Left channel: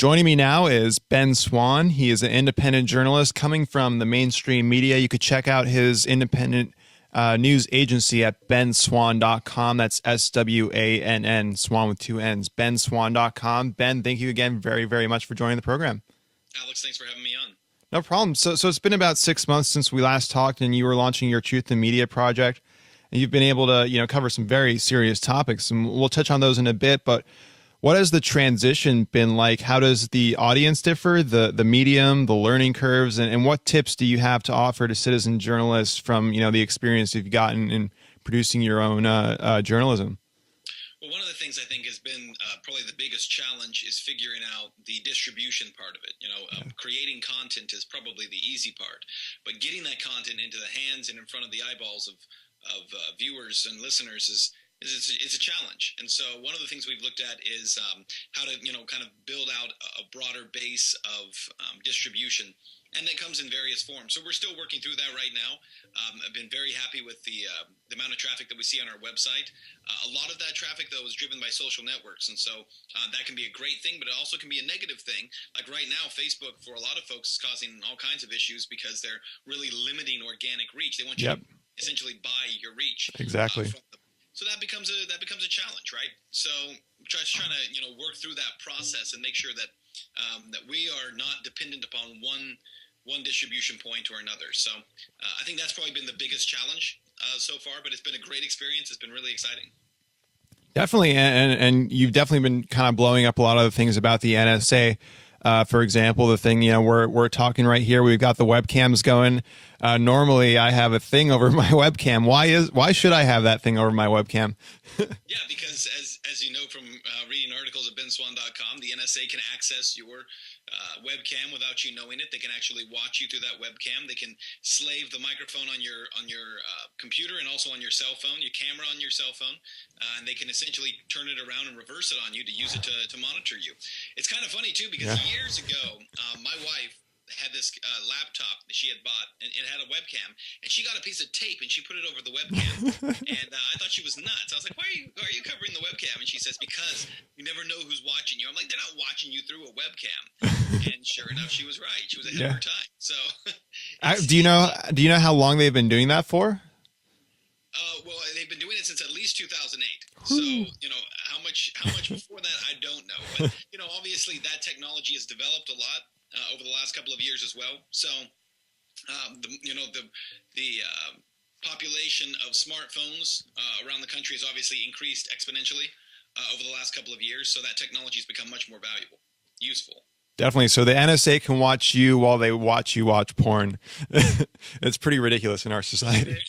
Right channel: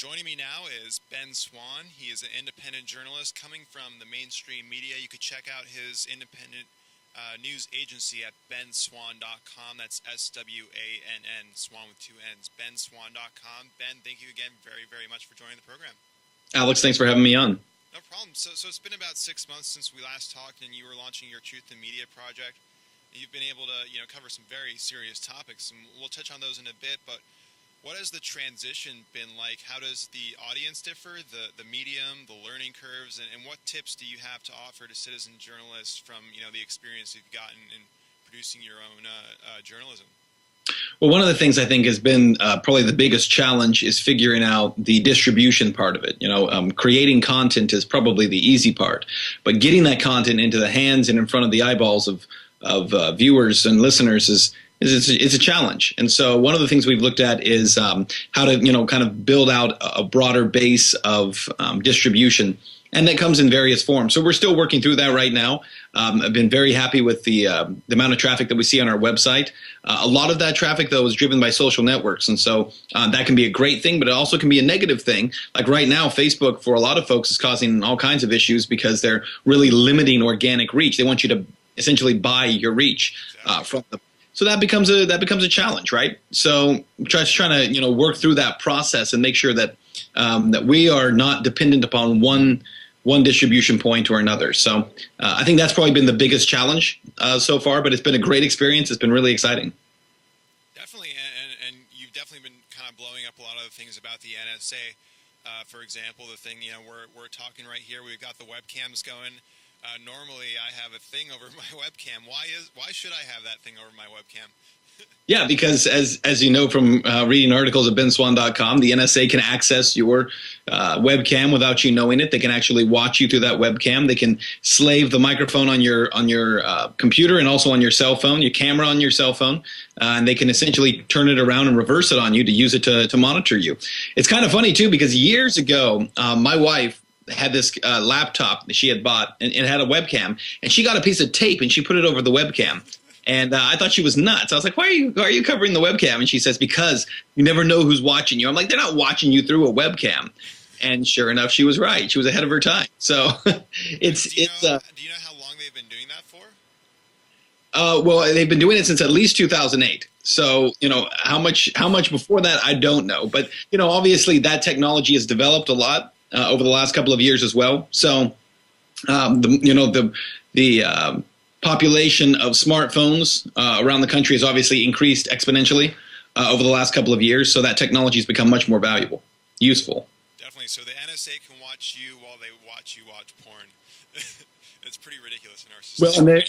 Joining me now is Ben Swann. He is an independent journalist coming from the mainstream media. You could check out his independent news agency at benswann.com. That's SWANN, Swann with two N's, benswann.com. Ben, thank you again very, very much for joining the program. Alex, thanks for having me on. No problem. So it's been about 6 months since we last talked, and you were launching your Truth in Media project. And you've been able to, cover some very serious topics, and we'll touch on those in a bit. But what has the transition been like? How does the audience differ, the medium, the learning curves, and what tips do you have to offer to citizen journalists from, the experience you've gotten in producing your own journalism? Well, one of the things I think has been probably the biggest challenge is figuring out the distribution part of it. Creating content is probably the easy part, but getting that content into the hands and in front of the eyeballs of viewers and listeners it's a challenge. And so one of the things we've looked at is how to, kind of build out a broader base of distribution. And that comes in various forms. So we're still working through that right now. I've been very happy with the amount of traffic that we see on our website. A lot of that traffic, though, is driven by social networks. And so that can be a great thing, but it also can be a negative thing. Like right now, Facebook, for a lot of folks, is causing all kinds of issues because they're really limiting organic reach. They want you to essentially buy your reach from them. So that becomes a challenge, right? So just trying to work through that process and make sure that that we are not dependent upon one distribution point or another. So I think that's probably been the biggest challenge so far, but it's been a great experience. It's been really exciting. Definitely, and you've definitely been kind of blowing up a lot of the things about the NSA. For example, the thing we're talking right here, we've got the webcams going. Normally, I have a thing over my webcam. Why should I have that thing over my webcam? Yeah, because as you know from reading articles at benswann.com, the NSA can access your webcam without you knowing it. They can actually watch you through that webcam. They can slave the microphone on your computer and also on your cell phone, your camera on your cell phone, and they can essentially turn it around and reverse it on you to use it to monitor you. It's kind of funny too because years ago, my wife had this laptop that she had bought and it had a webcam, and she got a piece of tape and she put it over the webcam. And I thought she was nuts. I was like, why are you covering the webcam? And she says, because you never know who's watching you. I'm like, they're not watching you through a webcam. And sure enough, she was right. She was ahead of her time. So do you know how long they've been doing that for? Well, they've been doing it since at least 2008. So, how much before that, I don't know. But, obviously that technology has developed a lot over the last couple of years as well. So, the population of smartphones around the country has obviously increased exponentially over the last couple of years. So that technology has become much more valuable, useful. Definitely. So the NSA can watch you while they watch you watch porn. It's pretty ridiculous in our society. Well,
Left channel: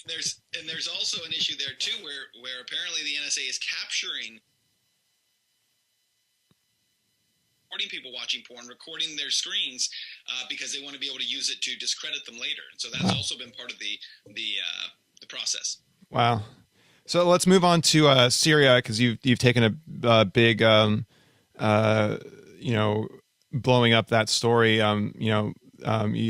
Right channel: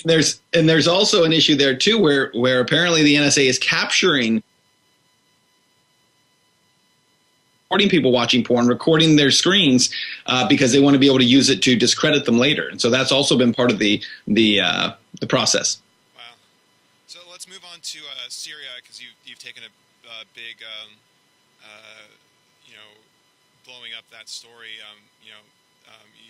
and there's also an issue there too, where apparently the NSA is recording people watching porn, recording their screens because they want to be able to use it to discredit them later. And so that's also been part of the process. Wow. So let's move on to Syria, because you've taken a big blowing up that story. You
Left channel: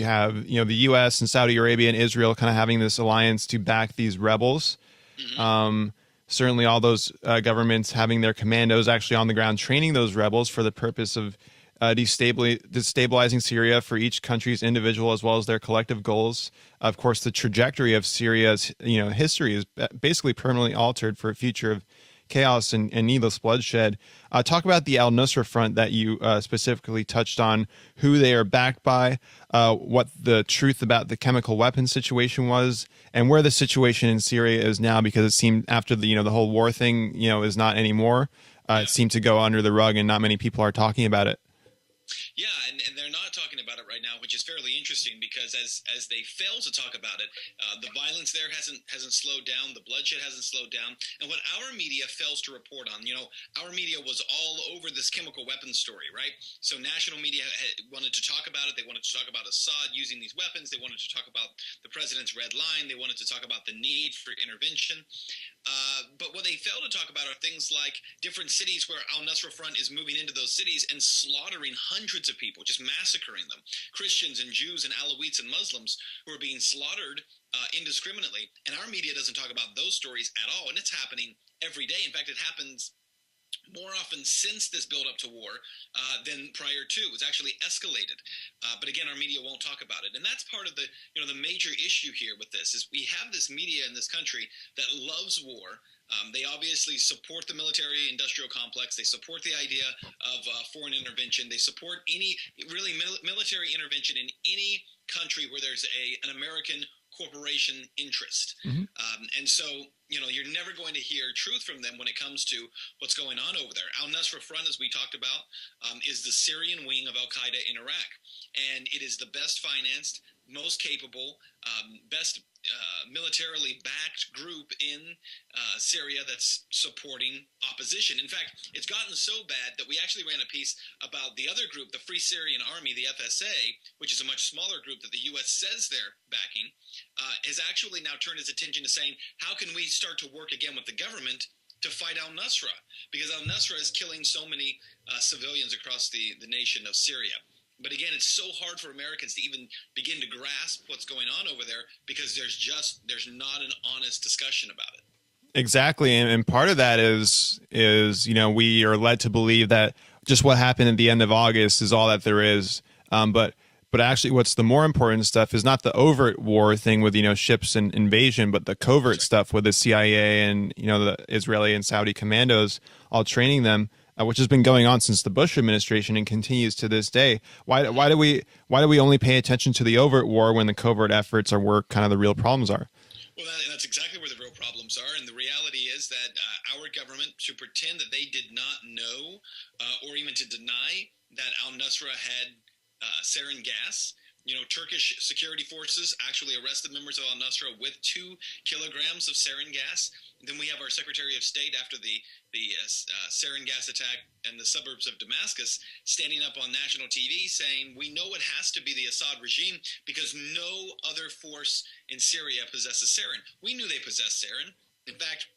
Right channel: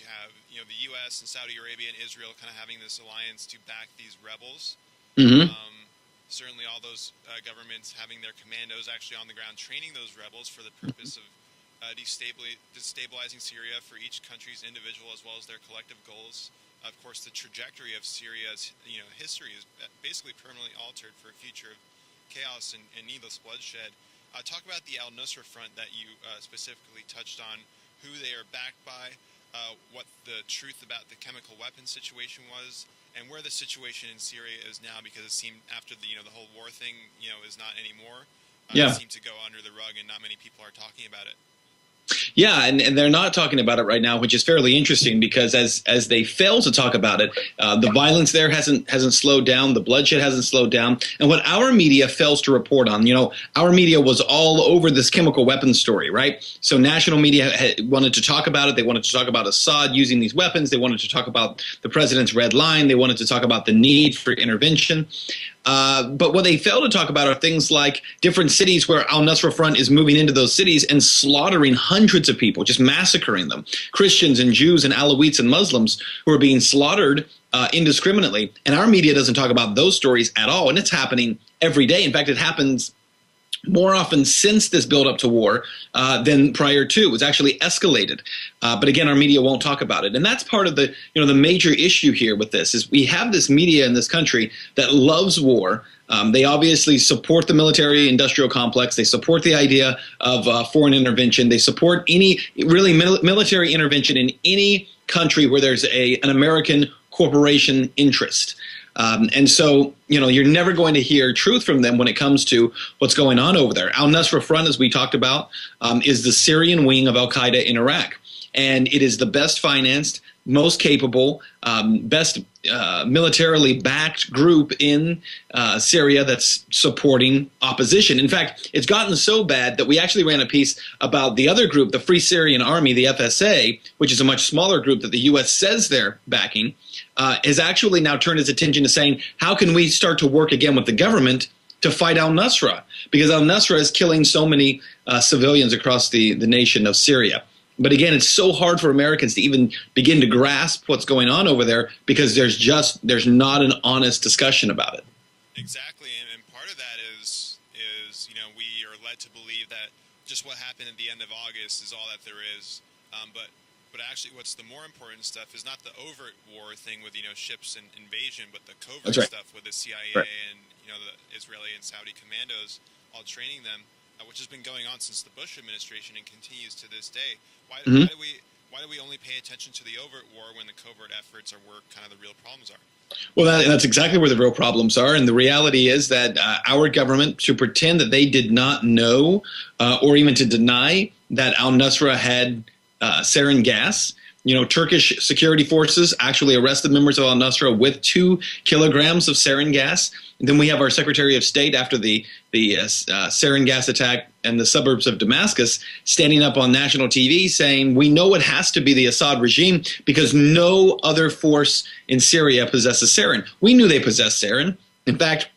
have the U.S. and Saudi Arabia and Israel kind of having this alliance to back these rebels. Mm-hmm. Certainly all those governments having their commandos actually on the ground training those rebels for the purpose of destabilizing Syria for each country's individual as well as their collective goals. Of course, the trajectory of Syria's history is basically permanently altered for a future of chaos and needless bloodshed. Talk about the al-Nusra Front that you specifically touched on, who they are backed by, what the truth about the chemical weapons situation was, and where the situation in Syria is now, because it seemed after the whole war thing is not anymore. It seemed to go under the rug, and not many people are talking about it. Yeah, and they're not talking about it right now, which is fairly interesting because as they fail to talk about it, the violence there hasn't slowed down, the bloodshed hasn't slowed down, and what our media fails to report on, our media was all over this chemical weapons story, right? So national media wanted to talk about it. They wanted to talk about Assad using these weapons. They wanted to talk about the president's red line. They wanted to talk about the need for intervention. But what they fail to talk about are things like different cities where al-Nusra Front is moving into those cities and slaughtering hundreds of people, just massacring them. Christians and Jews and Alawites and Muslims who are being slaughtered indiscriminately. And our media doesn't talk about those stories at all. And it's happening every day. In fact, it happens more often since this buildup to war than prior to. It was actually escalated. But again, our media won't talk about it. And that's part of the, the major issue here with this is we have this media in this country that loves war. They obviously support the military industrial complex. They support the idea of foreign intervention. They support any really military intervention in any country where there's an American corporation interest. And so, you're never going to hear truth from them when it comes to what's going on over there. Al-Nusra Front, as we talked about, is the Syrian wing of al-Qaeda in Iraq. And it is the best financed, most capable, best militarily backed group in Syria that's supporting opposition. In fact, it's gotten so bad that we actually ran a piece about the other group, the Free Syrian Army, the FSA, which is a much smaller group that the U.S. says they're backing, has actually now turned its attention to saying, how can we start to work again with the government to fight al-Nusra? Because al-Nusra is killing so many civilians across the nation of Syria. But again, it's so hard for Americans to even begin to grasp what's going on over there because there's not an honest discussion about it. Exactly. And part of that is, we are led to believe that just what happened at the end of August is all that there is. But actually what's the more important stuff is not the overt war thing with, ships and invasion, but the covert stuff with the CIA and, the Israeli and Saudi commandos all training them. Which has been going on since the Bush administration and continues to this day. Why do we only pay attention to the overt war when the covert efforts are where kind of the real problems are? Well, that's exactly where the real problems are. And the reality is that our government should pretend that they did not know or even to deny that al-Nusra had sarin gas. Turkish security forces actually arrested members of al-Nusra with 2 kilograms of sarin gas. And then we have our Secretary of State after the sarin gas attack in the suburbs of Damascus standing up on national TV saying, we know it has to be the Assad regime because no other force in Syria possesses sarin. We knew they possessed sarin. In fact,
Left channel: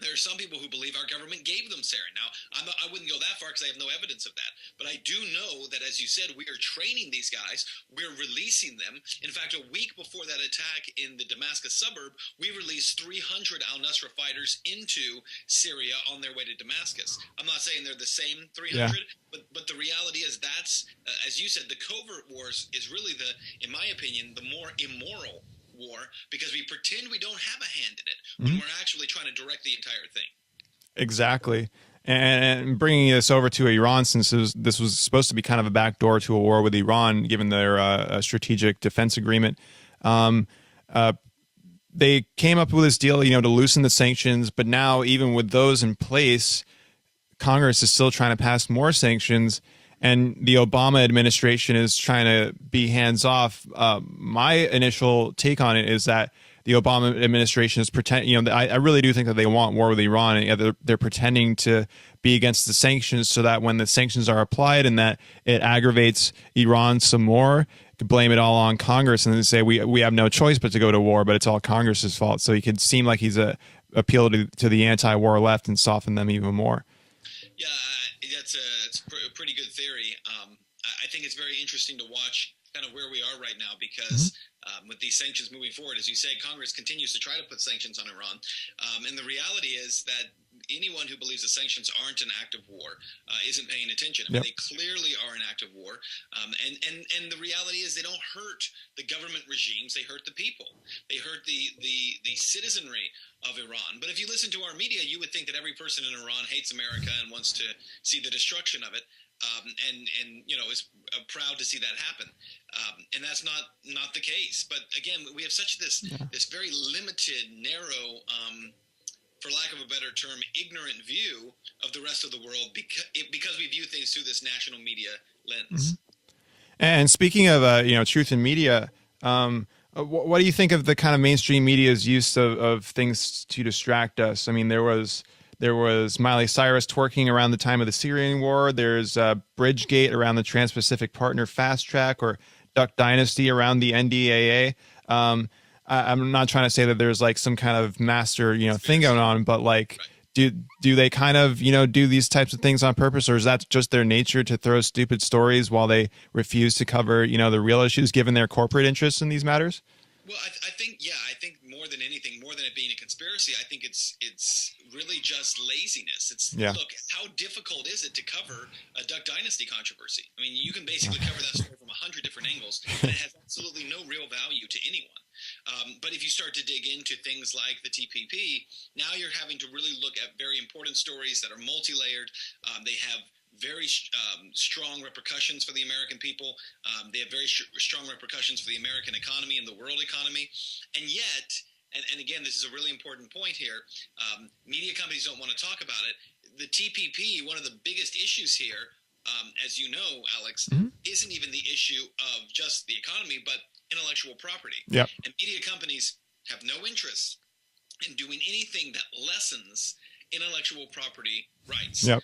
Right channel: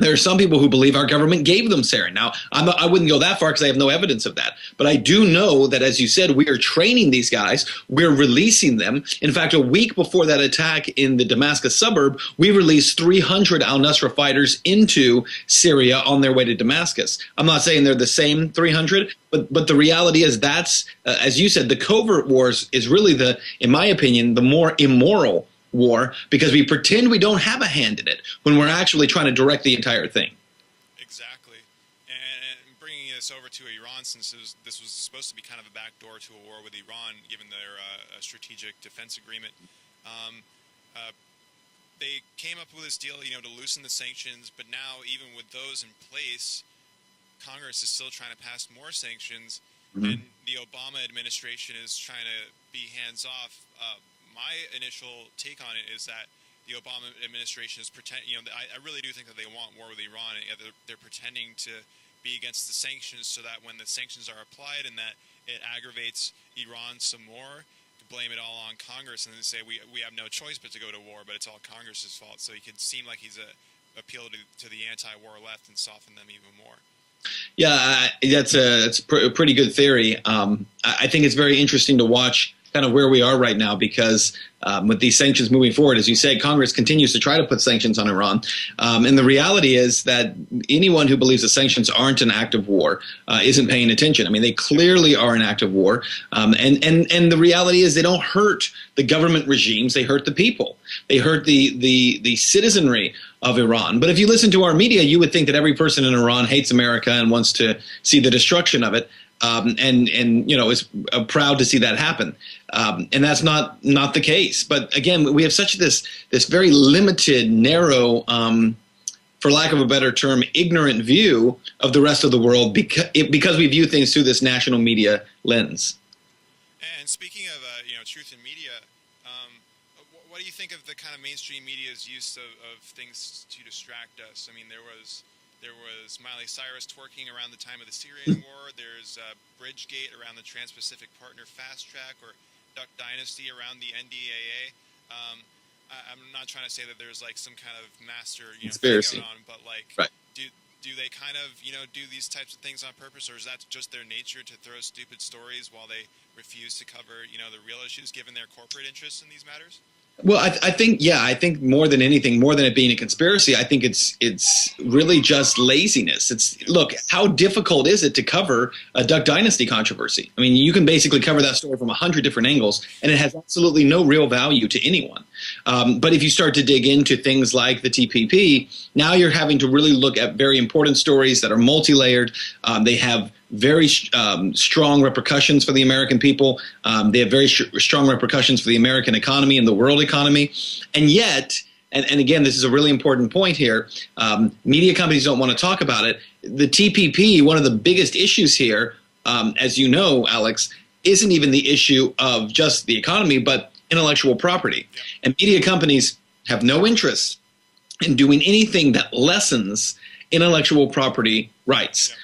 there are some people who believe our government gave them sarin. Now, I wouldn't go that far because I have no evidence of that. But I do know that, as you said, we are training these guys. We're releasing them. In fact, a week before that attack in the Damascus suburb, we released 300 al-Nusra fighters into Syria on their way to Damascus. I'm not saying they're the same 300, but the reality is that's, as you said, the covert wars is really in my opinion, the more immoral war because we pretend we don't have a hand in it when we're actually trying to direct the entire thing. Exactly. And bringing this over to Iran, since this was supposed to be kind of a backdoor to a war with Iran, given their strategic defense agreement, they came up with this deal, to loosen the sanctions. But now, even with those in place, Congress is still trying to pass more sanctions. And the Obama administration is trying to be hands off. My initial take on it is that the Obama administration is pretending, I really do think that they want war with Iran. And they're pretending to be against the sanctions so that when the sanctions are applied and that it aggravates Iran some more, to blame it all on Congress and then say we have no choice but to go to war, but it's all Congress's fault. So he could seem like he's appeal to the anti-war left and soften them even more. Yeah, that's a pretty good theory. I think it's very interesting to watch kind of where we are right now because with these sanctions moving forward, as you say, Congress continues to try to put sanctions on Iran. And the reality is that anyone who believes the sanctions aren't an act of war isn't paying attention. I mean, they clearly are an act of war. And the reality is they don't hurt the government regimes. They hurt the people. They hurt the citizenry of Iran. But if you listen to our media, you would think that every person in Iran hates America and wants to see the destruction of it. And is proud to see that happen. And that's not the case. But again, we have such this very limited, narrow, for lack of a better term, ignorant view of the rest of the world because we view things through this national media lens. And speaking of truth in media, what do you think of the kind of mainstream media's use of things to distract us? I mean, there was Miley Cyrus twerking around the time of the Syrian war. There's Bridgegate around the Trans-Pacific Partner Fast Track, or Duck Dynasty around the NDAA. I'm not trying to say that there's like some kind of master thing going on, but like, do they kind of do these types of things on purpose, or is that just their nature to throw stupid stories while they refuse to cover the real issues given their corporate interests in these matters? Well, I think, yeah, I think more than anything, more than it being a conspiracy, I think it's really just laziness. Look, how difficult is it to cover a Duck Dynasty controversy? I mean, you can basically cover that story from 100 different angles, and it has absolutely no real value to anyone. But if you start to dig into things like the TPP, now you're having to really look at very important stories that are multi-layered. They have very strong repercussions for the American people. They have very strong repercussions for the American economy and the world economy. And yet, and again, this is a really important point here, media companies don't want to talk about it. The TPP, one of the biggest issues here, as you know, Alex, isn't even the issue of just the economy, but intellectual property. Yep. And media companies have no interest in doing anything that lessens intellectual property rights. Yep.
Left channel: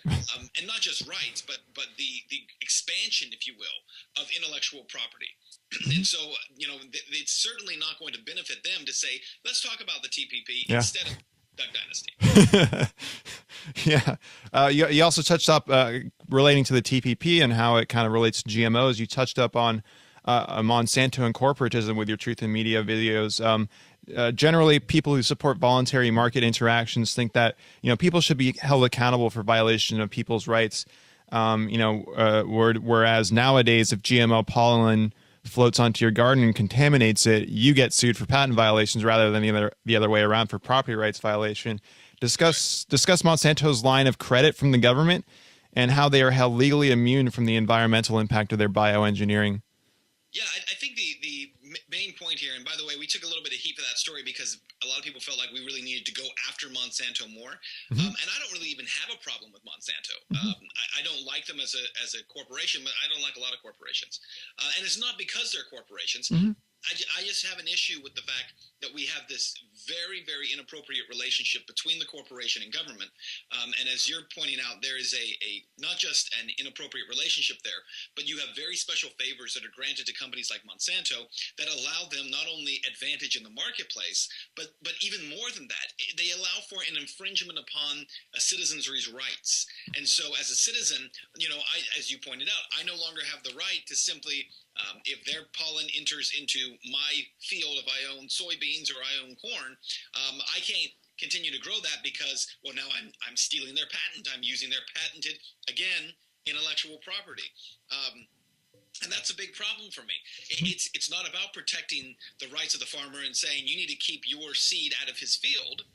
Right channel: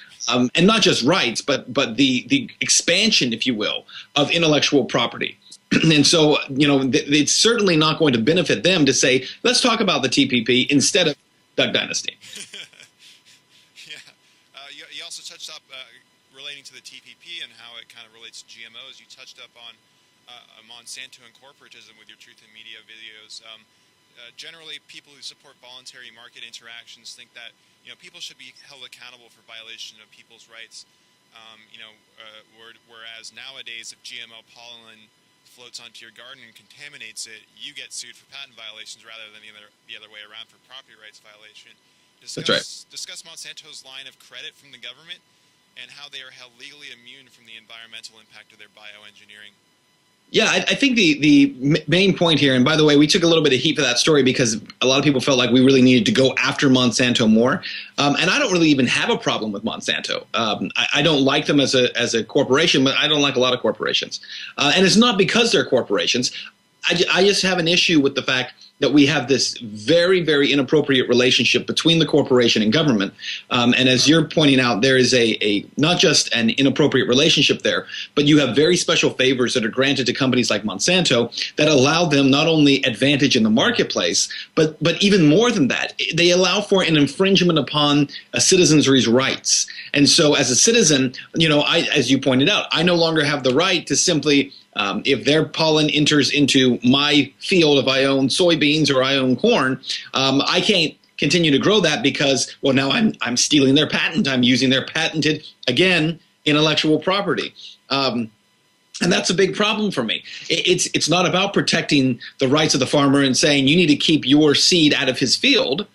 And not just rights, but the expansion, if you will, of intellectual property. And so, it's certainly not going to benefit them to say, let's talk about the TPP instead of Duck Dynasty. Yeah. You also touched up relating to the TPP and how it kind of relates to GMOs. You touched up on Monsanto and corporatism with your Truth in Media videos. Generally, people who support voluntary market interactions think that people should be held accountable for violation of people's rights. Whereas nowadays, if GMO pollen floats onto your garden and contaminates it, you get sued for patent violations rather than the other way around for property rights violation. Discuss Monsanto's line of credit from the government and how they are held legally immune from the environmental impact of their bioengineering. Yeah, I think the main point here, and by the way, we took a little bit of heat for that story because a lot of people felt like we really needed to go after Monsanto more. And I don't really even have a problem with Monsanto. I don't like them as a corporation, but I don't like a lot of corporations. And it's not because they're corporations. I just have an issue with the fact that we have this very, very inappropriate relationship between the corporation and government. And as you're pointing out, there is a not just an inappropriate relationship there, but you have very special favors that are granted to companies like Monsanto that allow them not only advantage in the marketplace, but even more than that, they allow for an infringement upon a citizenry's rights. And so as a citizen, as you pointed out, I no longer have the right to simply if their pollen enters into my field, if I own soybeans or I own corn, I can't continue to grow that because, well, now I'm stealing their patent. I'm using their patented, again, intellectual property. And that's a big problem for me. It's not about protecting the rights of the farmer and saying you need to keep your seed out of his field,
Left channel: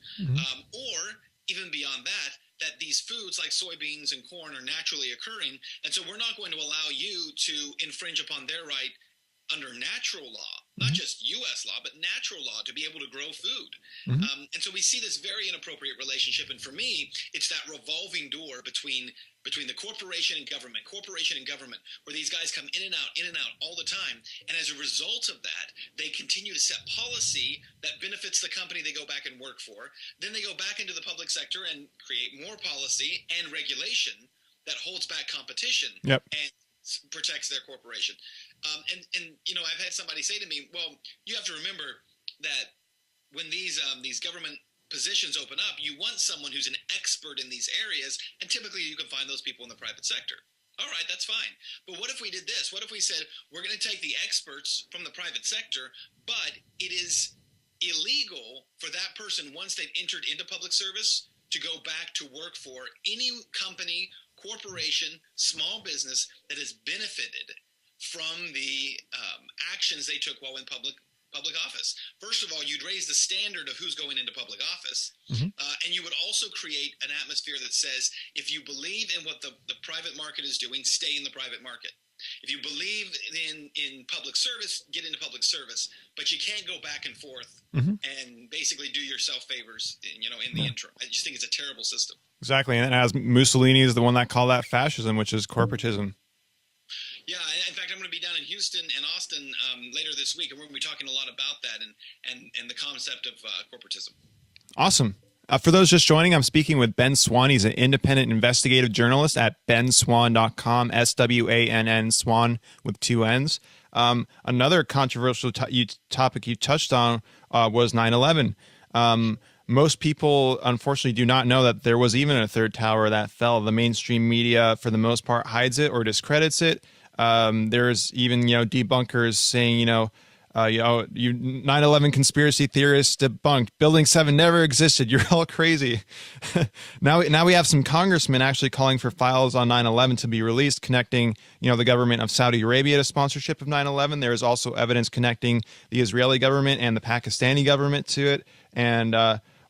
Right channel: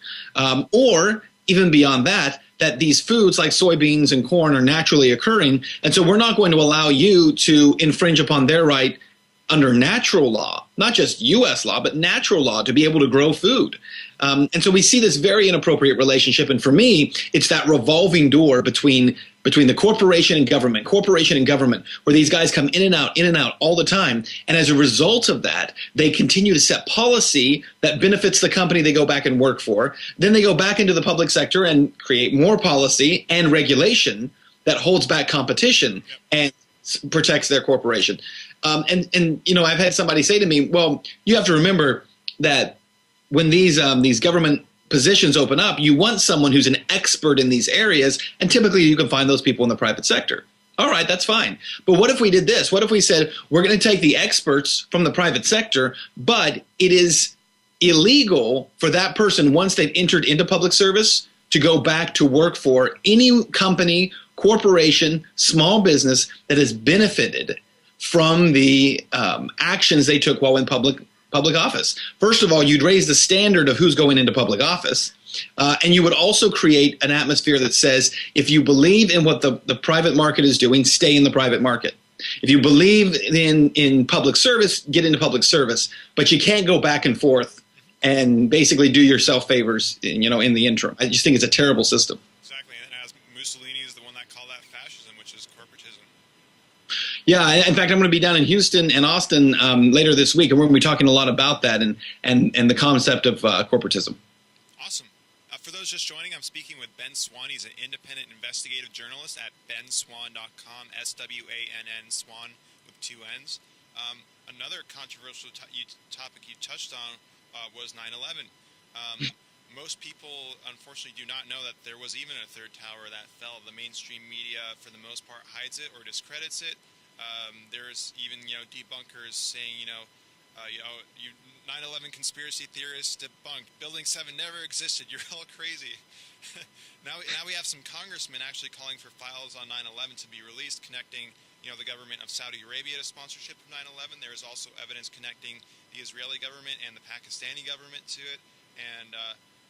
or even beyond that these foods like soybeans and corn are naturally occurring. And so we're not going to allow you to infringe upon their right under natural law, not just U.S. law, but natural law to be able to grow food. And so we see this very inappropriate relationship. And for me, it's that revolving door between the corporation and government, where these guys come in and out all the time. And as a result of that, they continue to set policy that benefits the company they go back and work for. Then they go back into the public sector and create more policy and regulation that holds back competition and protects their corporation. And I've had somebody say to me, well, you have to remember that when these government positions open up, you want someone who's an expert in these areas, and typically you can find those people in the private sector. All right, that's fine. But what if we did this? What if we said, we're going to take the experts from the private sector, but it is illegal for that person, once they've entered into public service, to go back to work for any company, corporation, small business that has benefited from the actions they took while in public office. First of all, you'd raise the standard of who's going into public office. And you would also create an atmosphere that says, if you believe in what the private market is doing, stay in the private market. If you believe in public service, get into public service. But you can't go back and forth and basically do yourself favors, in the interim. I just think it's a terrible system. Exactly. And as Mussolini is the one that called that fascism, which is corporatism. Yeah, in fact, I'm going to be down in Houston and Austin later this week, and we're going to be talking a lot about that and the concept of corporatism. Awesome. For those just joining, I'm speaking with Ben Swann. He's an independent investigative journalist at benswann.com, SWANN, Swann with 2 N's. Another controversial topic you touched on was 9/11. Most people, unfortunately, do not know that there was even a third tower that fell. The mainstream media, for the most part, hides it or discredits it. There's even, debunkers saying, You 9/11 conspiracy theorists debunked. Building 7 never existed. You're all crazy. Now we have some congressmen actually calling for files on 9/11 to be released, connecting, the government of Saudi Arabia to sponsorship of 9/11. There is also evidence connecting the Israeli government and the Pakistani government to it. And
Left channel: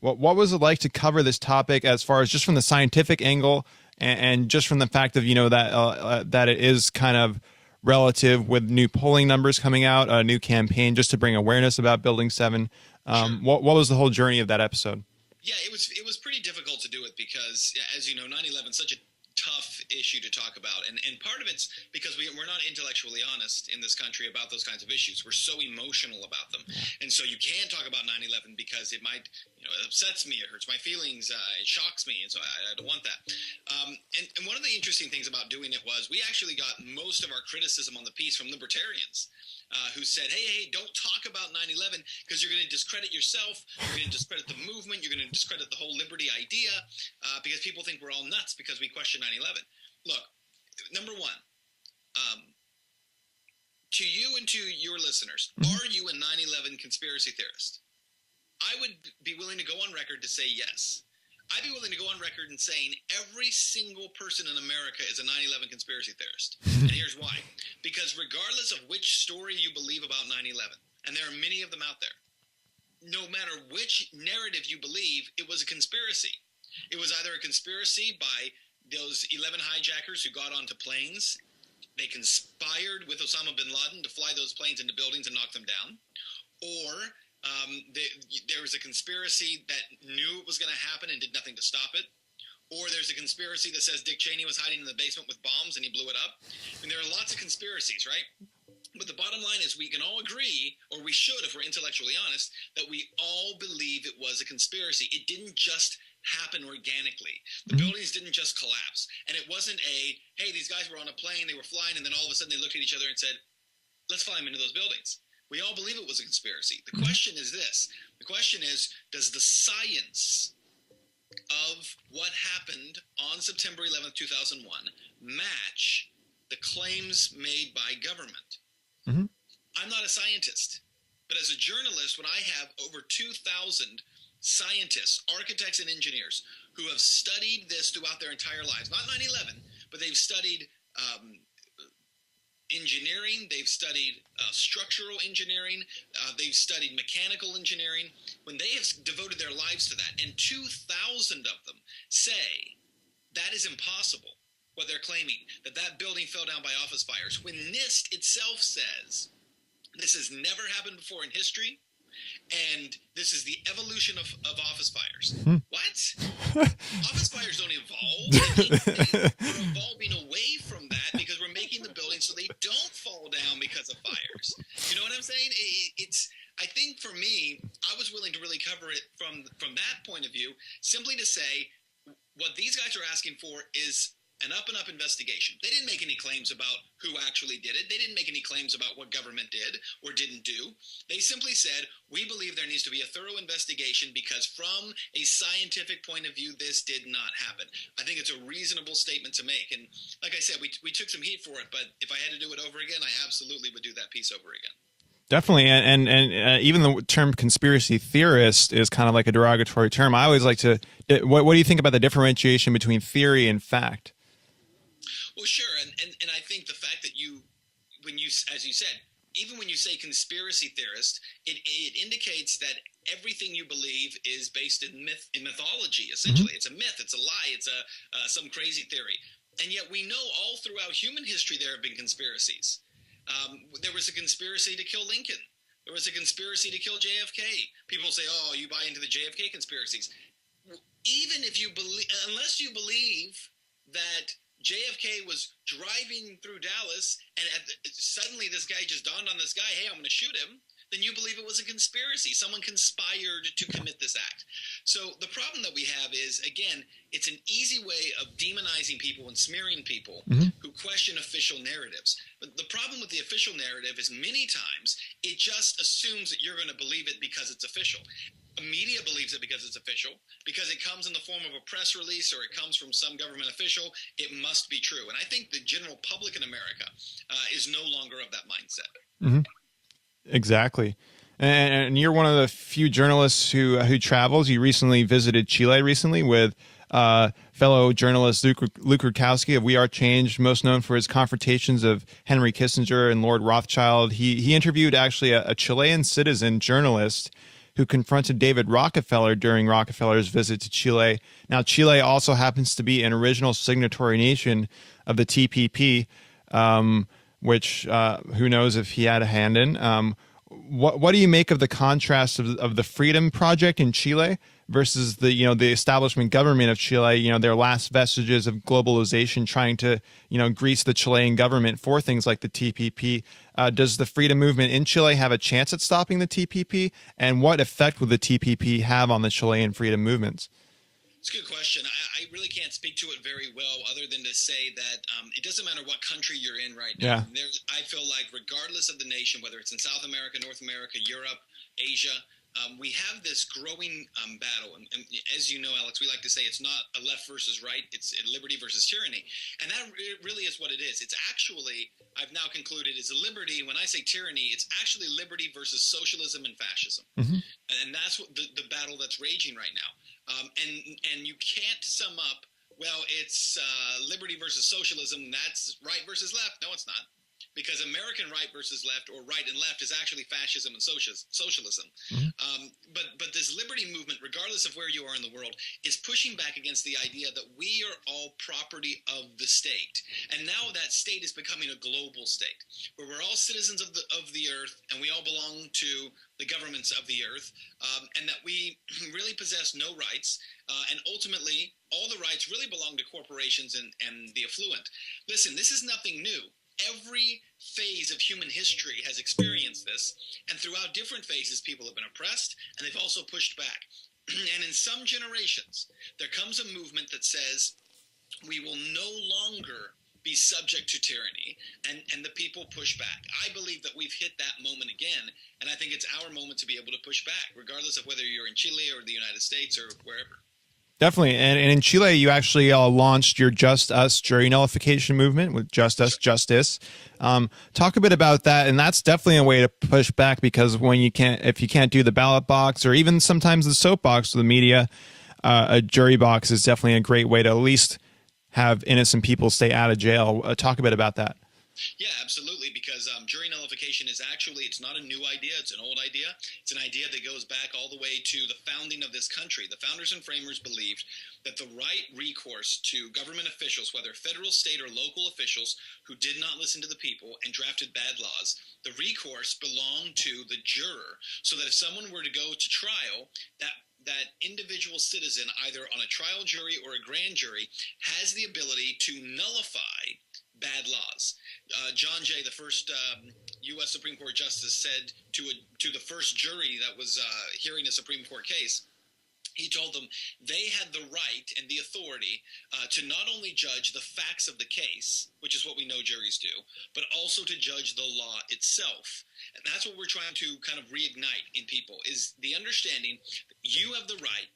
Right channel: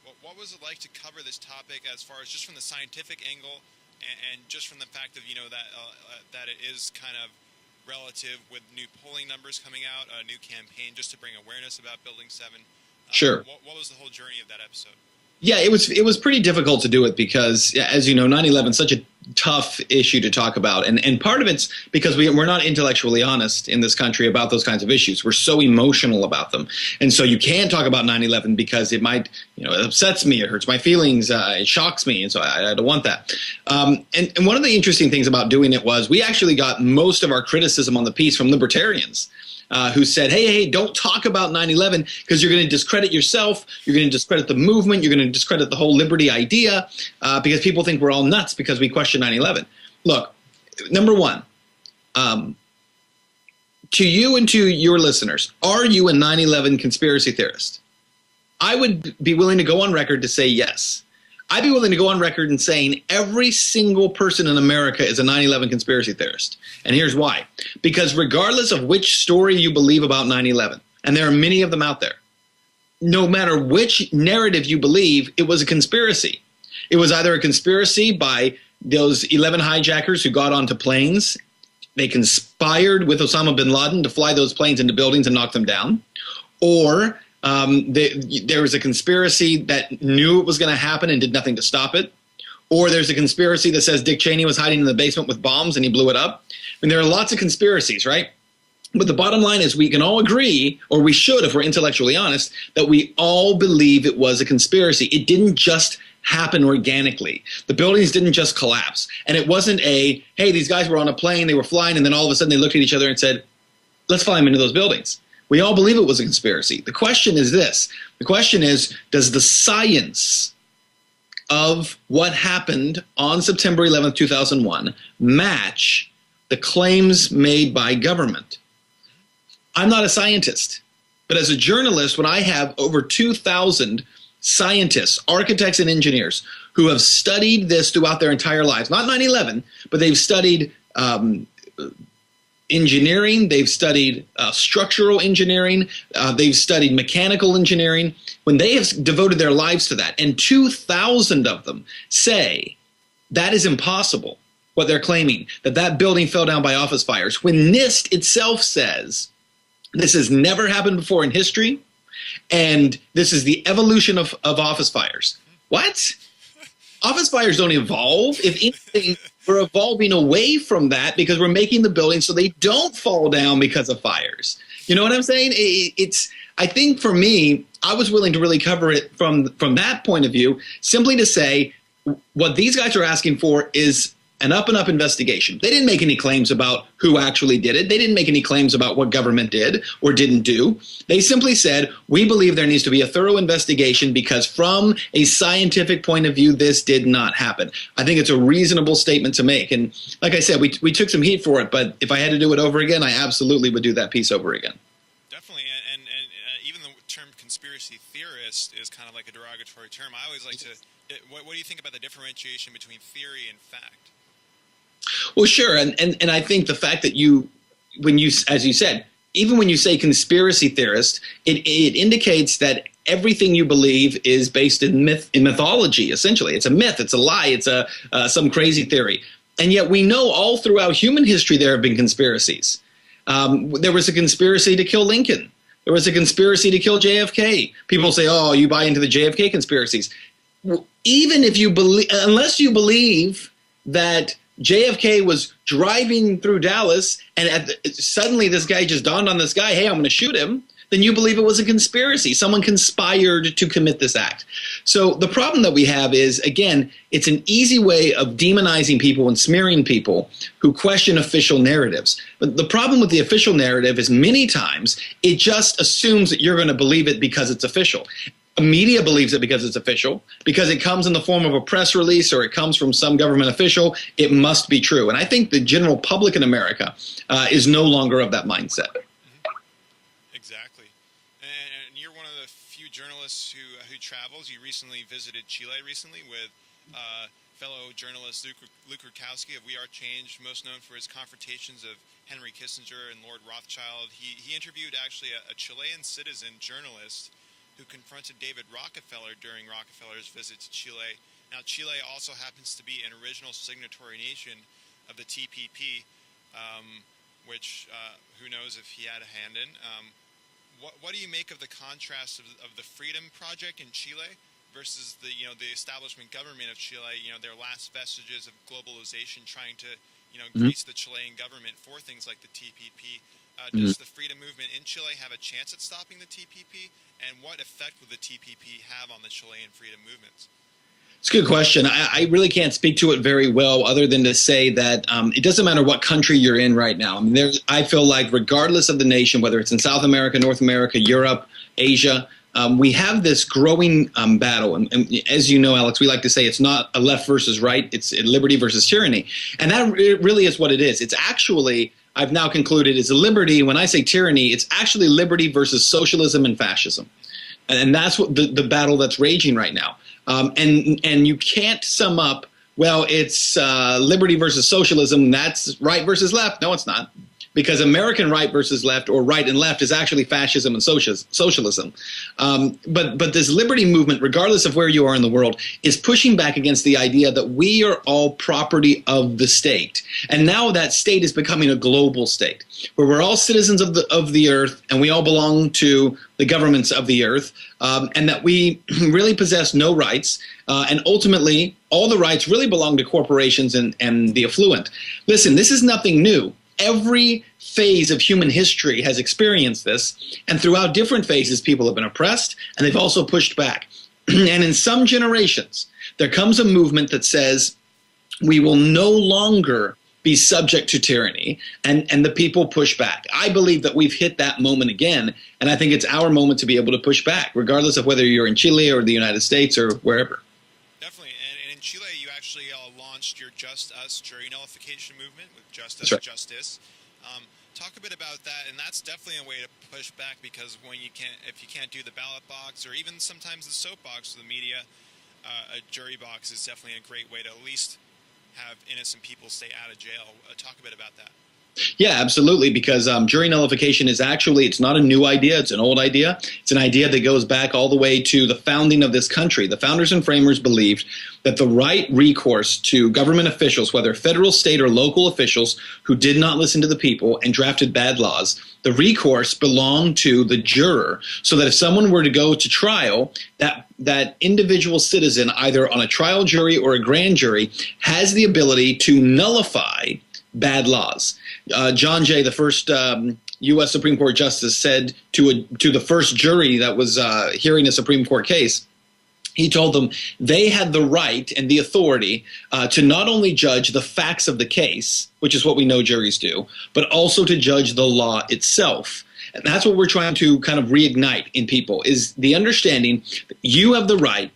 what was it like to cover this topic as far as just from the scientific angle and just from the fact of, that it is kind of relative with new polling numbers coming out, a new campaign just to bring awareness about Building 7. Sure. What was the whole journey of that episode? Yeah, it was pretty difficult to do it because, as you know, 9/11 is such a tough issue to talk about. And part of it's because we're not intellectually honest in this country about those kinds of issues. We're so emotional about them. And so you can't talk about 9/11 because it might, it upsets me, it hurts my feelings, it shocks me. And so I don't want that. And one of the interesting things about doing it was we actually got most of our criticism on the piece from libertarians. Who said, hey, don't talk about 9/11 because you're going to discredit yourself, you're going to discredit the movement, you're going to discredit the whole liberty idea because people think we're all nuts because we question 9/11. Look, number one, to you and to your listeners, are you a 9/11 conspiracy theorist? I would be willing to go on record to say yes. I'd be willing to go on record in saying every single person in America is a 9/11 conspiracy theorist. And here's why. Because regardless of which story you believe about 9/11, and there are many of them out there, no matter which narrative you believe, it was a conspiracy. It was either a conspiracy by those 11 hijackers who got onto planes. They conspired with Osama bin Laden to fly those planes into buildings and knock them down. Or there was a conspiracy that knew it was going to happen and did nothing to stop it. Or there's a conspiracy that says Dick Cheney was hiding in the basement with bombs and he blew it up. And there are lots of conspiracies, right? But the bottom line is we can all agree, or we should if we're intellectually honest, that we all believe it was a conspiracy. It didn't just happen organically. The buildings didn't just collapse. And it wasn't hey, these guys were on a plane, they were flying, and then all of a sudden they looked at each other and said, let's fly them into those buildings. We all believe it was a conspiracy. The question is this. The question is, does the science of what happened on September 11th, 2001 match the claims made by government? Mm-hmm. I'm not a scientist, but as a journalist, when I have over 2,000 scientists, architects, and engineers who have studied this throughout their entire lives, not 9/11, but they've studied engineering, they've studied structural engineering, they've studied mechanical engineering, when they have devoted their lives to that, and 2,000 of them say that is impossible, what they're claiming, that building fell down by office fires, when NIST itself says this has never happened before in history, and this is the evolution of office fires. Mm-hmm. What? Office fires don't evolve. If anything, we're evolving away from that because we're making the buildings so they don't fall down because of fires. You know what I'm saying? I think for me, I was willing to really cover it from that point of view, simply to say what these guys are asking for is an up-and-up investigation. They didn't make any claims about who actually did it. They didn't make any claims about what government did or didn't do. They simply said, we believe there needs to be a thorough investigation because from a scientific point of view, this did not happen. I think it's a reasonable statement to make. And like I said, we took some heat for it, but if I had to do it over again, I absolutely would do that piece over again. Definitely. And even the term conspiracy theorist is kind of like a derogatory term. I always like to, what do you think about the differentiation between theory and fact? Well, sure. And I think the fact that when you, as you said, even when you say conspiracy theorist, it indicates that everything you believe is based in mythology, essentially. It's a myth, it's a lie, it's some crazy theory. And yet we know all throughout human history there have been conspiracies. There was a conspiracy to kill Lincoln. There was a conspiracy to kill JFK. People say, oh, you buy into the JFK conspiracies. Even if you believe, unless you believe that JFK was driving through Dallas and suddenly this guy just dawned on this guy, hey, I'm going to shoot him, then you believe it was a conspiracy. Someone conspired to commit this act. So the problem that we have is, again, it's an easy way of demonizing people and smearing people who question official narratives. But the problem with the official narrative is many times it just assumes that you're going to believe it because it's official. Media believes it because it's official, because it comes in the form of a press release or it comes from some government official. It must be true. And I think the general public in America is no longer of that mindset. Mm-hmm. Exactly. And you're one of the few journalists who travels. You recently visited Chile recently with fellow journalist Luke Rudkowski of We Are Change, most known for his confrontations of Henry Kissinger and Lord Rothschild. He interviewed actually a Chilean citizen journalist who confronted David Rockefeller during Rockefeller's visit to Chile. Now, Chile also happens to be an original signatory nation of the TPP, which who knows if he had a hand in. What do you make of the contrast of the Freedom Project in Chile versus the the establishment government of Chile? Their last vestiges of globalization, trying to grease the Chilean government for things like the TPP. Does the freedom movement in Chile have a chance at stopping the TPP? And what effect would the TPP have on the Chilean freedom movements? It's a good question. I really can't speak to it very well other than to say that it doesn't matter what country you're in right now. Yeah. I feel like regardless of the nation, whether it's in South America, North America, Europe, Asia, we have this growing battle. And as you know, Alex, we like to say it's not a left versus right. It's liberty versus tyranny. And that really is what it is. It's actually, I've now concluded, is a liberty. When I say tyranny, it's actually liberty versus socialism and fascism. Mm-hmm. And that's what the battle that's raging right now. And you can't sum up, well, it's liberty versus socialism. That's right versus left. No, it's not. Because American right versus left, or right and left, is actually fascism and socialism. Mm-hmm. But this liberty movement, regardless of where you are in the world, is pushing back against the idea that we are all property of the state. And now that state is becoming a global state, where we're all citizens of the earth, and we all belong to the governments of the earth, and that we really possess no rights. And ultimately, all the rights really belong to corporations and the affluent. Listen, this is nothing new. Every phase of human history has experienced this, and throughout different phases, people have been oppressed, and they've also pushed back. And in some generations, there comes a movement that says we will no longer be subject to tyranny, and the people push back. I believe that we've hit that moment again, and I think it's our moment to be able to push back, regardless of whether you're in Chile or the United States or wherever. Definitely. And in Chile, you actually launched your Just Us jury nullification movement with Just Us Justice. Talk a bit about that. And that's definitely a way to push back, because if you can't do the ballot box, or even sometimes the soapbox of the media, a jury box is definitely a great way to at least have innocent people stay out of jail. Talk a bit about that. Yeah, absolutely, because jury nullification is actually, it's not a new idea, it's an old idea. It's an idea that goes back all the way to the founding of this country. The founders and framers believed that the right recourse to government officials, whether federal, state, or local officials who did not listen to the people and drafted bad laws, the recourse belonged to the juror, so that if someone were to go to trial, that individual citizen, either on a trial jury or a grand jury, has the ability to nullify bad laws. John Jay, the first U.S. Supreme Court justice, said to the first jury that was hearing a Supreme Court case, he told them they had the right and the authority to not only judge the facts of the case, which is what we know juries do, but also to judge the law itself. And that's what we're trying to kind of reignite in people, is the understanding that you have the right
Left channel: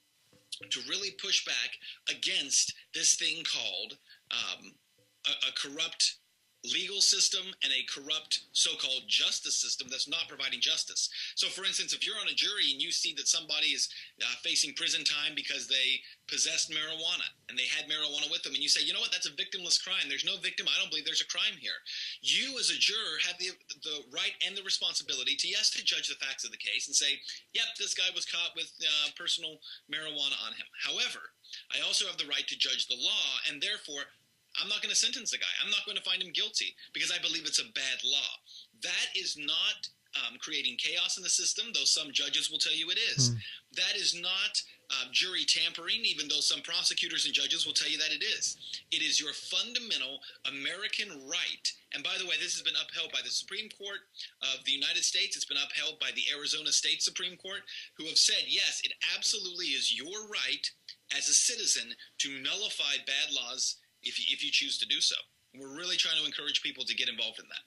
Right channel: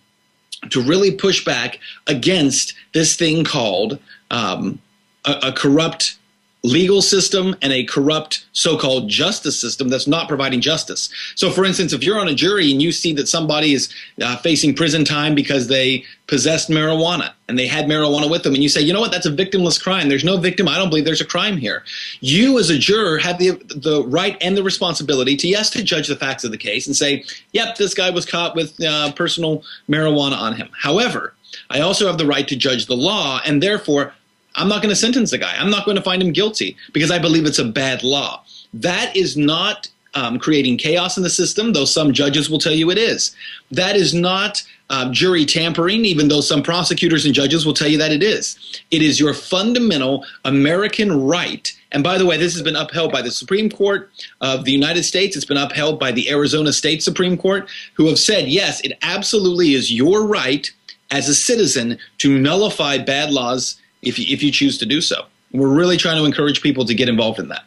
to really push back against this thing called a corrupt legal system and a corrupt so-called justice system that's not providing justice. So, for instance, if you're on a jury and you see that somebody is facing prison time because they possessed marijuana and they had marijuana with them, and you say, you know what, that's a victimless crime. There's no victim. I don't believe there's a crime here. You as a juror have the right and the responsibility to judge the facts of the case and say, yep, this guy was caught with personal marijuana on him. However, I also have the right to judge the law, and therefore I'm not going to sentence the guy. I'm not going to find him guilty because I believe it's a bad law. That is not creating chaos in the system, though some judges will tell you it is. That is not jury tampering, even though some prosecutors and judges will tell you that it is. It is your fundamental American right. And by the way, this has been upheld by the Supreme Court of the United States. It's been upheld by the Arizona State Supreme Court, who have said, yes, it absolutely is your right as a citizen to nullify bad laws if you choose to do so. We're really trying to encourage people to get involved in that.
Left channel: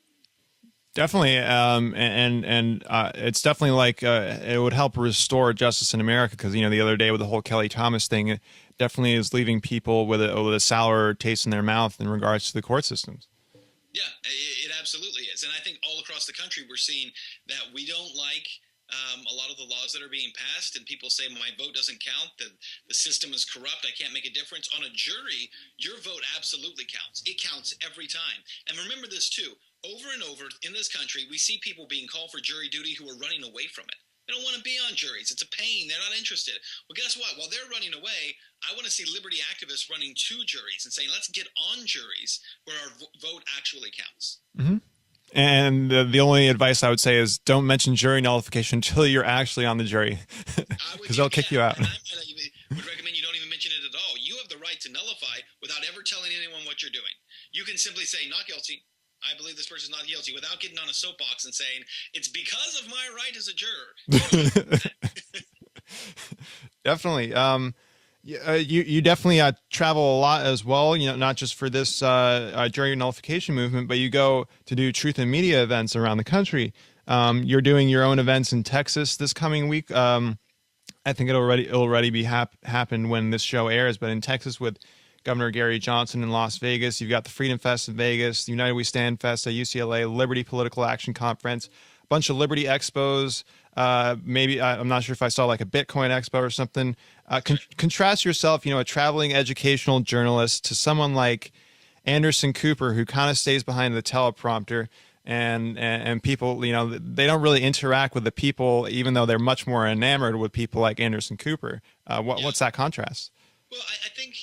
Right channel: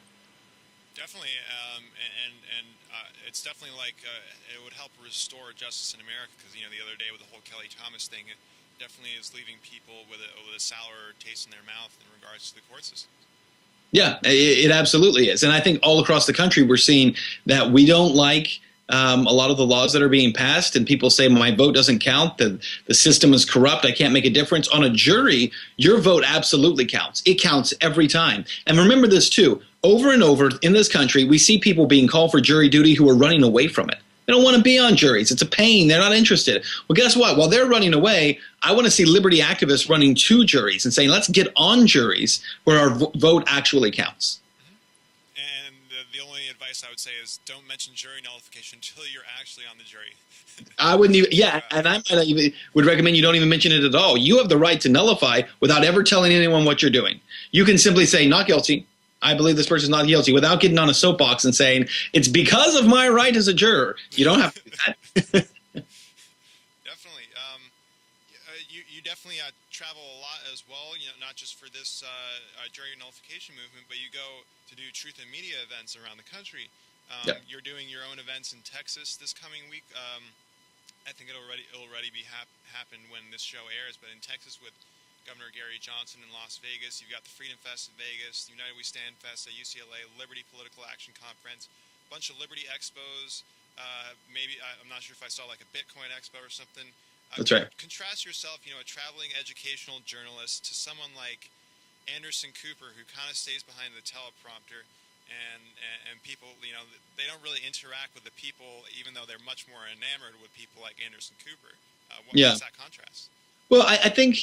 Definitely, and it's definitely like it would help restore justice in America, because the other day with the whole Kelly Thomas thing, it definitely is leaving people with a sour taste in their mouth in regards to the court systems. Yeah, it absolutely is. And I think all across the country, we're seeing that we don't like a lot of the laws that are being passed, and people say my vote doesn't count, the system is corrupt, I can't make a difference. On a jury, your vote absolutely counts. It counts every time. And remember this too, over and over in this country, we see people being called for jury duty who are running away from it. They don't want to be on juries. It's a pain. They're not interested. Well, guess what? While they're running away, I want to see liberty activists running to juries and saying, let's get on juries where our vote actually counts. Mm-hmm. And the only advice I would say is don't mention jury nullification until you're actually on the jury. I wouldn't even, and I might even would recommend you don't even mention it at all. You have the right to nullify without ever telling anyone what you're doing. You can simply say, not guilty. I believe this person's not guilty, without getting on a soapbox and saying, it's because of my right as a juror. You don't have to do that. Definitely. You definitely travel a lot as well, not just for this jury nullification movement, but you go to do truth in media events around the country. You're doing your own events in Texas this coming week. I think it'll already be happen when this show airs, but in Texas with Governor Gary Johnson in Las Vegas. You've got the Freedom Fest in Vegas, the United We Stand Fest at UCLA, Liberty Political Action Conference, a bunch of Liberty expos. Maybe I'm not sure if I saw like a Bitcoin expo or something. That's right. Contrast yourself, a traveling educational journalist, to someone like Anderson Cooper, who kind of stays behind the teleprompter, and people, they don't really interact with the people, even though they're much more enamored with people like Anderson Cooper. What's that contrast? Well, I think,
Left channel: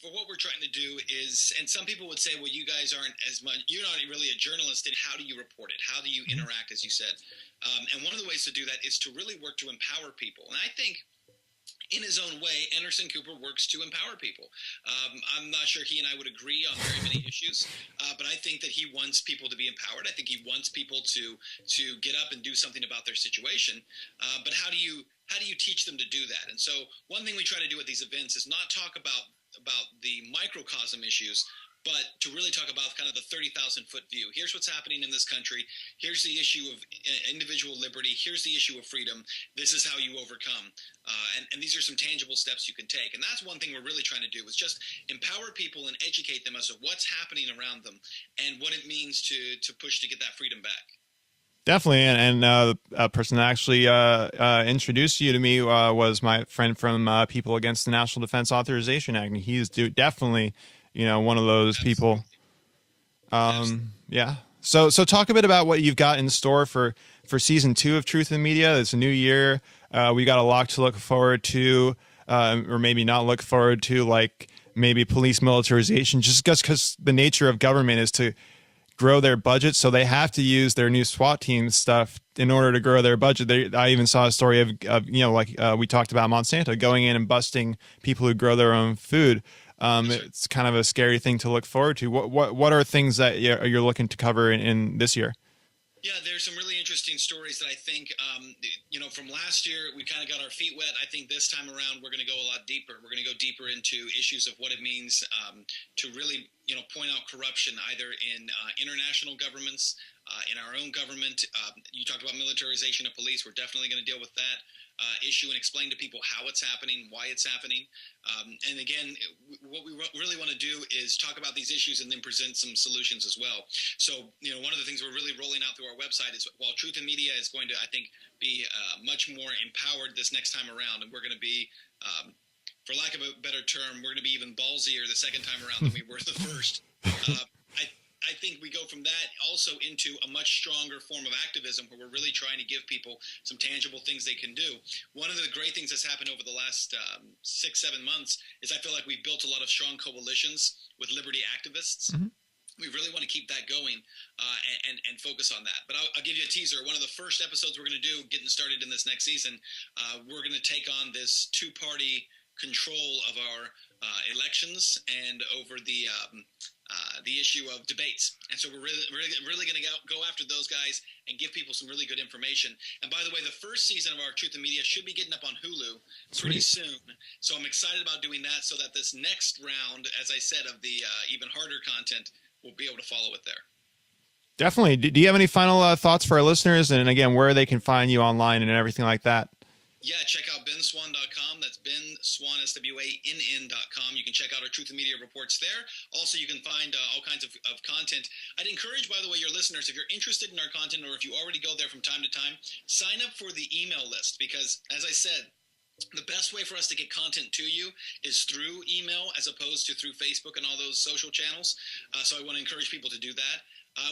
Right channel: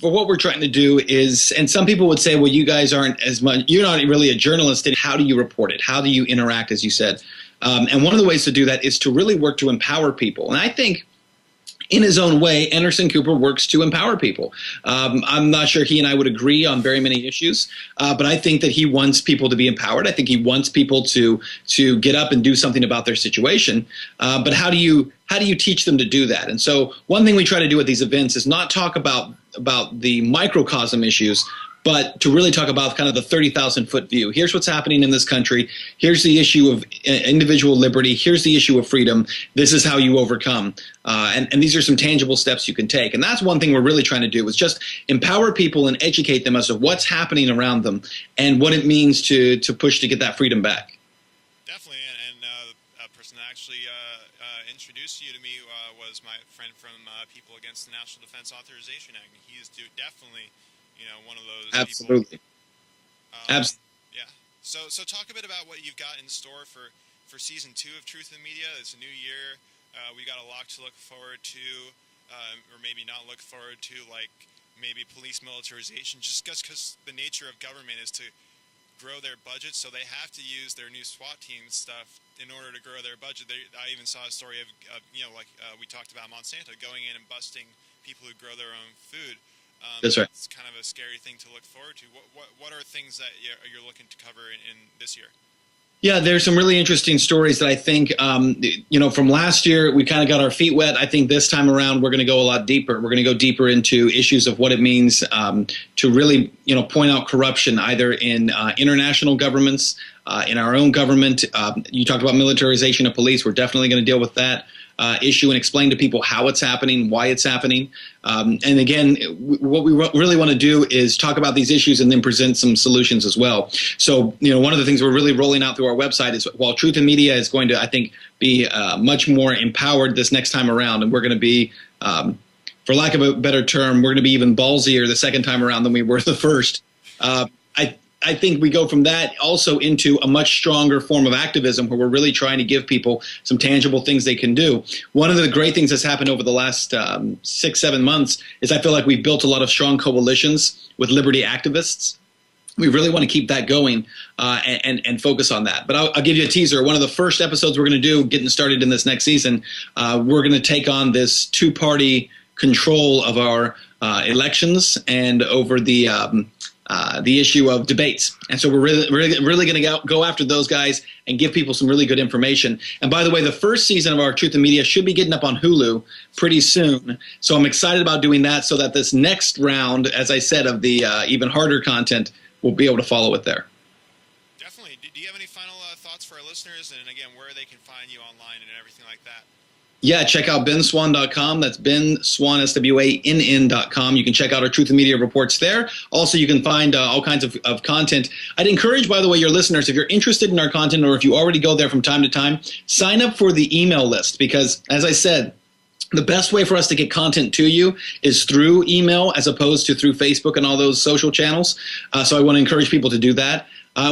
for what we're trying to do is, and some people would say, well, you guys aren't as much, you're not really a journalist. And how do you report it? How do you interact, as you said? And one of the ways to do that is to really work to empower people. And I think in his own way, Anderson Cooper works to empower people. I'm not sure he and I would agree on very many issues, but I think that he wants people to be empowered. I think he wants people to get up and do something about their situation. But how do you teach them to do that? And so one thing we try to do at these events is not talk about the microcosm issues, but to really talk about kind of the 30,000-foot view. Here's what's happening in this country. Here's the issue of individual liberty. Here's the issue of freedom. This is how you overcome. And these are some tangible steps you can take. And that's one thing we're really trying to do, is just empower people and educate them as to what's happening around them and what it means to push to get that freedom back. Definitely. And a person that actually introduced you to me was my friend from People Against the National Defense Authorization Act. And he's definitely one of those Absolutely. people. Yeah. So talk a bit about what you've got in store for season 2 of Truth in Media. It's a new year. We got a lot to look forward to, or maybe not look forward to, like maybe police militarization, just because the nature of government is to grow their budget. So they have to use their new SWAT team stuff in order to grow their budget. I even saw a story of we talked about Monsanto going in and busting people who grow their own food. That's right. It's kind of a scary thing to look forward to. What are things that you're looking to cover in this year? Yeah, there's some really interesting stories that I think, from last year, we kind of got our feet wet. I think this time around, we're going to go a lot deeper. We're going to go deeper into issues of what it means to really, point out corruption, either in international governments, in our own government. You talked about militarization of police. We're definitely going to deal with that issue and explain to people how it's happening, why it's happening. And again, what we really want to do is talk about these issues and then present some solutions as well. So, one of the things we're really rolling out through our website is, while Truth in Media is going to, I think, be much more empowered this next time around, and we're going to be, for lack of a better term, we're going to be even ballsier the second time around than we were the first. I think we go from that also into a much stronger form of activism, where we're really trying to give people some tangible things they can do. One of the great things that's happened over the last 6-7 months is I feel like we've built a lot of strong coalitions with liberty activists. Mm-hmm. We really want to keep that going and focus on that. But I'll give you a teaser. One of the first episodes we're going to do, getting started in this next season, we're going to take on this 2-party control of our elections and over the issue of debates. And so we're really going to go after those guys and give people some really good information. And by the way, the first season of our Truth in Media should be getting up on Hulu pretty soon. So I'm excited about doing that, so that this next round, as I said, of the even harder content, we'll be able to follow it there. Definitely. Do you have any final thoughts for our listeners? And again, where they can find you online and everything like that? Yeah, check out benswann.com. That's Ben Swann, SWANN.com. You can check out our Truth and Media reports there. Also, you can find all kinds of content. I'd encourage, by the way, your listeners, if you're interested in our content or if you already go there from time to time, sign up for the email list because, as I said, the best way for us to get content to you is through email as opposed to through Facebook and all those social channels. So I want to encourage people to do that.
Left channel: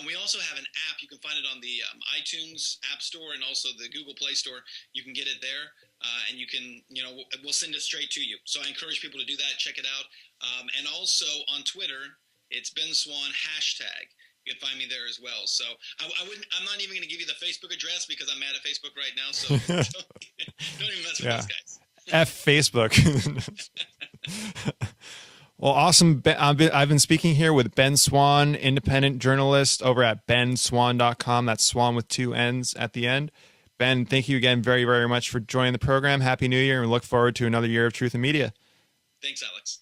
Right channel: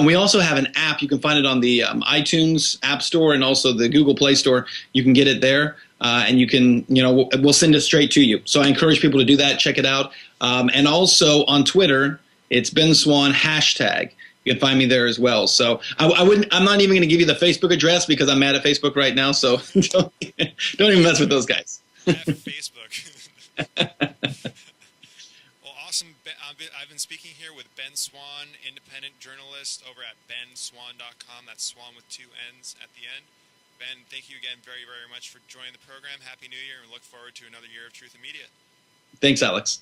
We also have an app. You can find it on the iTunes App Store and also the Google Play Store. You can get it there, and you can, we'll send it straight to you. So I encourage people to do that. Check it out. And also on Twitter, it's Ben Swann #. You can find me there as well. So I'm not even going to give you the Facebook address because I'm mad at Facebook right now. So don't even mess with those guys. F Facebook. Well, awesome. I've been speaking here with Ben Swann, independent journalist over at benswann.com. That's Swann with 2 N's at the end. Ben, thank you again very, very much for joining the program. Happy New Year, and we look forward to another year of Truth and Media. Thanks, Alex.